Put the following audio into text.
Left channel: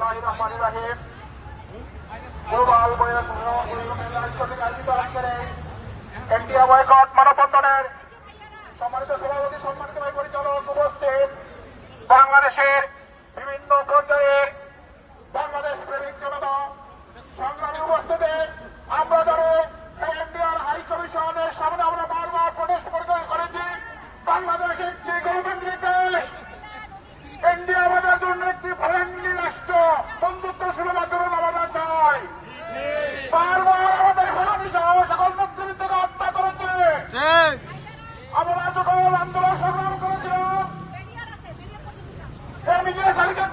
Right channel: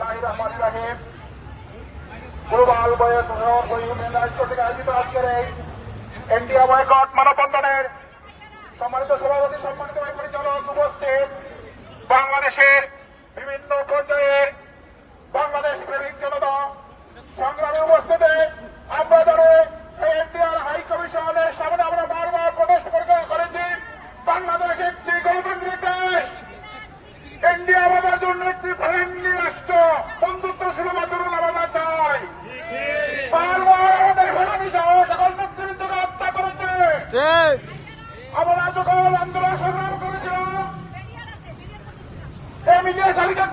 বিসমিল্লাহির রহমানির রহিম। গ্লোবাল বয়স ইউনিয়ন রাইটস কর্তৃক আয়োজিত আজকের এই ইন্ডিয়া বয়কট মানববন্ধনের সম্মানিত সভাপতি, সম্মানিত পরিচালক, উপস্থিত বাংলাদেশের বিভিন্ন পর্যায়ের বাংলাদেশ প্রেমিক জনতা, সংগ্রামী উপস্থিতি, আমরা ধরে এই ইন্ডিয়ার হাই কমিশনের সামনে আমরা বারবার প্রটেস্ট করেছি। বাংলাদেশ একটি গণতান্ত্রিক দেশ, ইন্ডিয়া আমাদের জন্য একটি ফ্রেন্ডলি রাষ্ট্র, বন্ধুত্বসুলভ আচরণ আমরা চাই। বারবার আমাদের ঘোরানি সহ সকল নেতৃত্বকে হত্যা করেছে। আমরা যখন আন্দোলন সংগ্রাম করেছিলাম, এই মিডিয়া শালীকে